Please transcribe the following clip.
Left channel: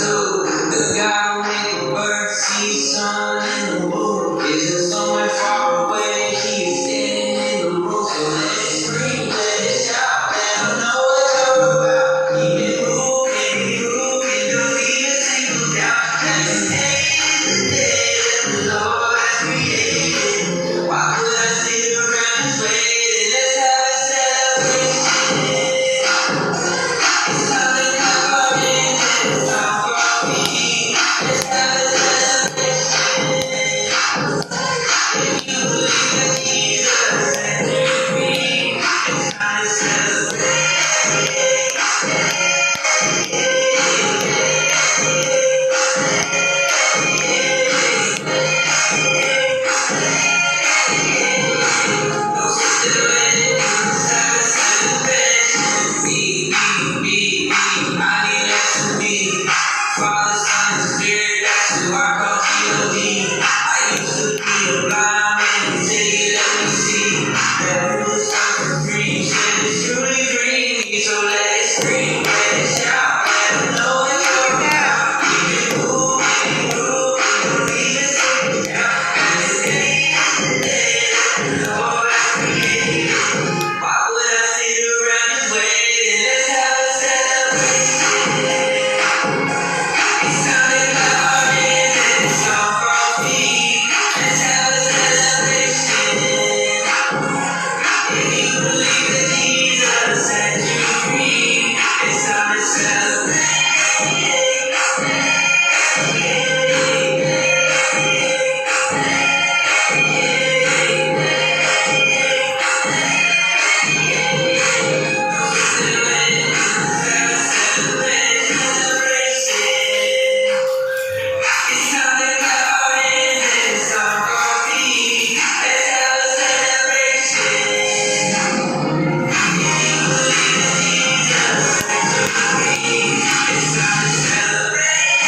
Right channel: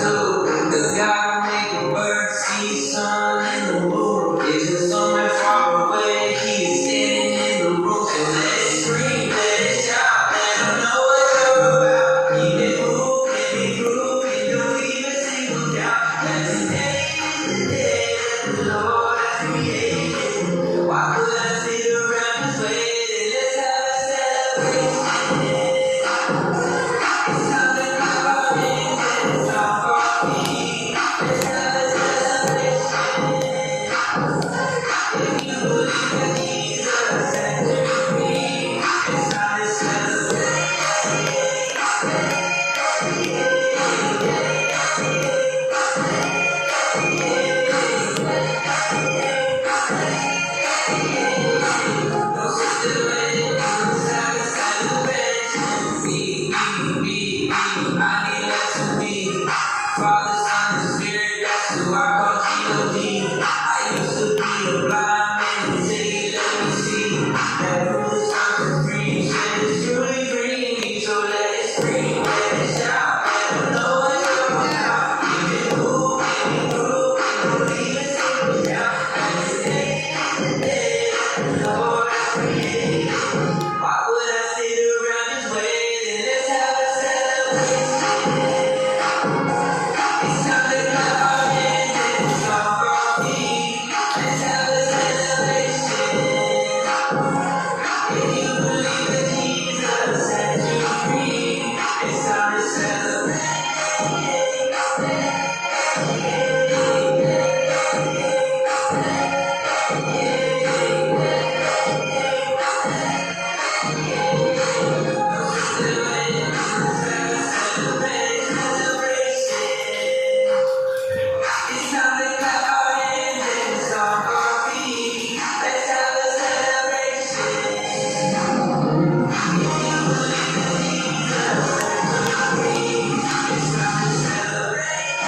zoo. The God who made the birds, sea, sun, and the moon isn't somewhere far away. He is standing in the room. So let's scream, let's shout, let him know what you're about. He can move, can do even single doubt. Let him take the day that the Lord has created. Why would I sit around and wait? Let's have a celebration. It's something about it that's not for me. Let's have a celebration. If you believe that Jesus set you free, it's time to celebrate. No still in, let's have a celebration. Me, I need less of me. Father, Son, and Spirit, that's who I call G.O.D. I used to be a blind man, he said he let me see. That who is time to free, said it's truly free. So let it scream, let it shout, let them know what you're about. Keep it cool, don't even take it down. And this day is the day that the Lord has created. Why would I sit around and wait? Let's have a celebration. It's something about it that's all for me. Let's have a celebration. If you believe that Jesus set you free, it's time to celebrate. It's something about it that's all for me. Let's have a celebration. If you believe that Jesus set you free, it's time to celebrate.